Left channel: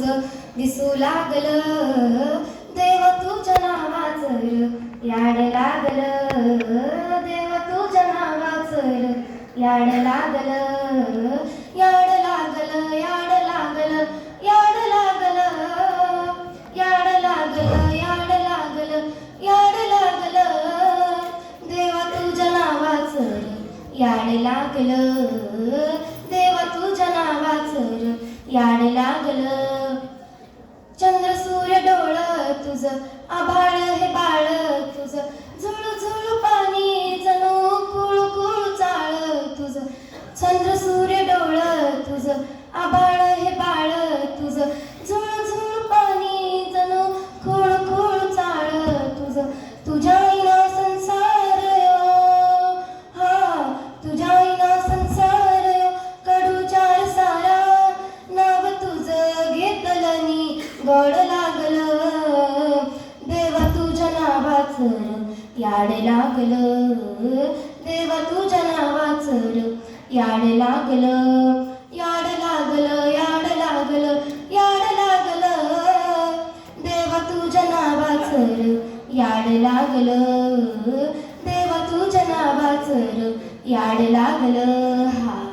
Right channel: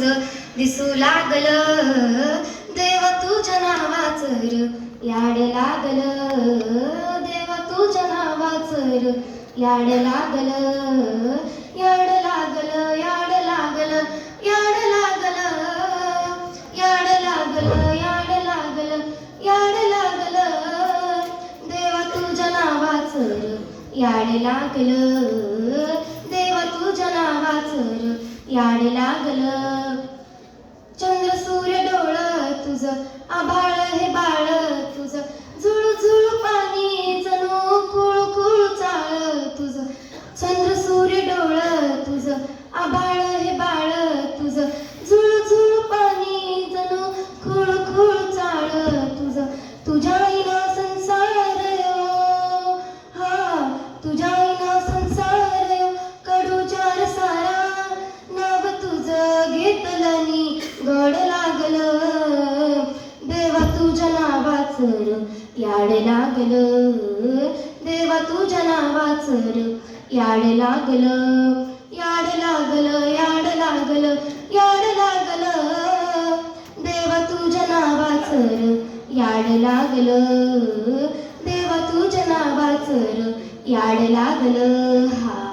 तुझं दिसू लागलं देव तुझ्या नावाचं र याड लागलं देवा तुझ्या नावाचं र याड लागलं याड लागलं याड लागलं याड लागलं याड लागलं याड लागलं याड लागलं देवा तुझ्या नावाचं र याड लागलं देवा तुझ्या नावाचं र याड लागलं चंद्र सूर्य डोळं तुझं आभाळ हे बाळ तुझं झुळू झुळू पाणी जणू कुळू कुळू चाळ तुझं चंद्र सूर्य डोळं तुझं आभाळ हे बाळ तुझं झुळू झुळू पाणी जणू कुळू कुळू चाळ तुझं तुझ्या विना संसार यो हा तुझ्या विना संसार यो कडू चार सारा नाव तुझं घेतलनी गोड लागलं देवा तुझ्या नावाचं र याड लागलं देवा तुझ्या नावाचं र याड लागलं याड लागलं याड लागलं याड लागलं देवा तुझ्या नावाचं र याड लागलं देवा तुझ्या नावाचं र याड लागलं हा